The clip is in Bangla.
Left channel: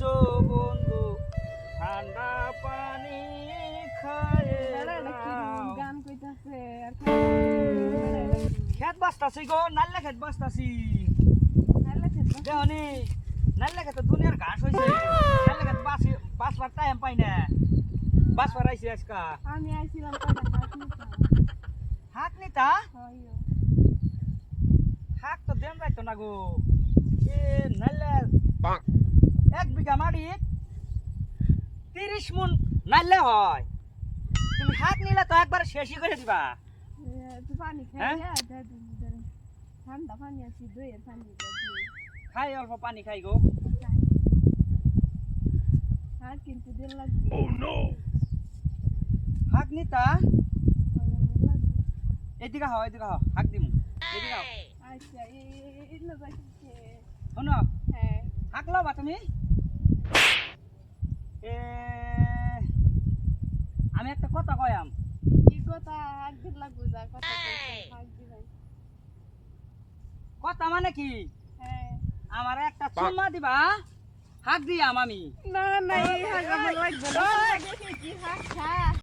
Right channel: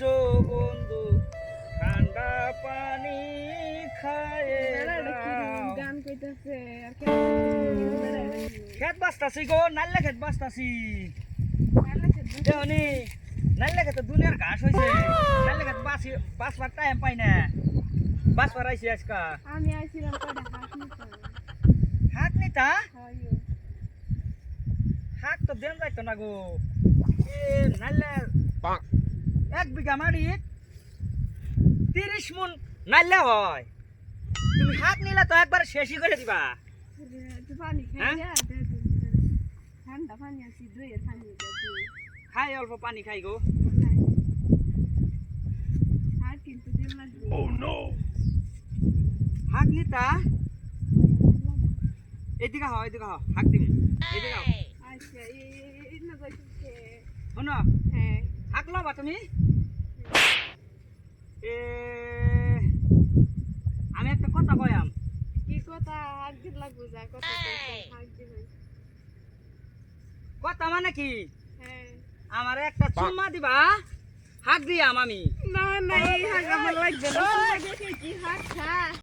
এসো বন্ধু ঠান্ডা পানি খায়ে খেত বাস্তাছি গো নাল্লা খেত বাস্তাছি দেহনি নাল্লা খেতে দুনিয়ার ঘাস হয়েছে নাল্লা খেত বাসি বাসবার টাইম পাই না। বাসবার আইছি আজকা। আমি আইছিলাম হাত নিতা হাত তো দেন যাইতো না গো। এ নাল্লা এক বিঘা মাটি তিরিশ মন নাল্লা হয়। তুমি হাত নিলে তো একবার শেষই করে দিবা। হ্যাঁ? খাই অল্প পানি খাই গো। হাত নিতা? এদিকে হও এদিকে হও হাক দিম। এদিকে হও আচ্ছা এই শোনো হ্যাঁ। হাক লবা তুমি এ আমি একটা কথা কয়াম কি কথা হাত হাত মানে কি? হ্যাঁ। আমার একটা চুম্মা দিবা হাক দিয়াম আমি না না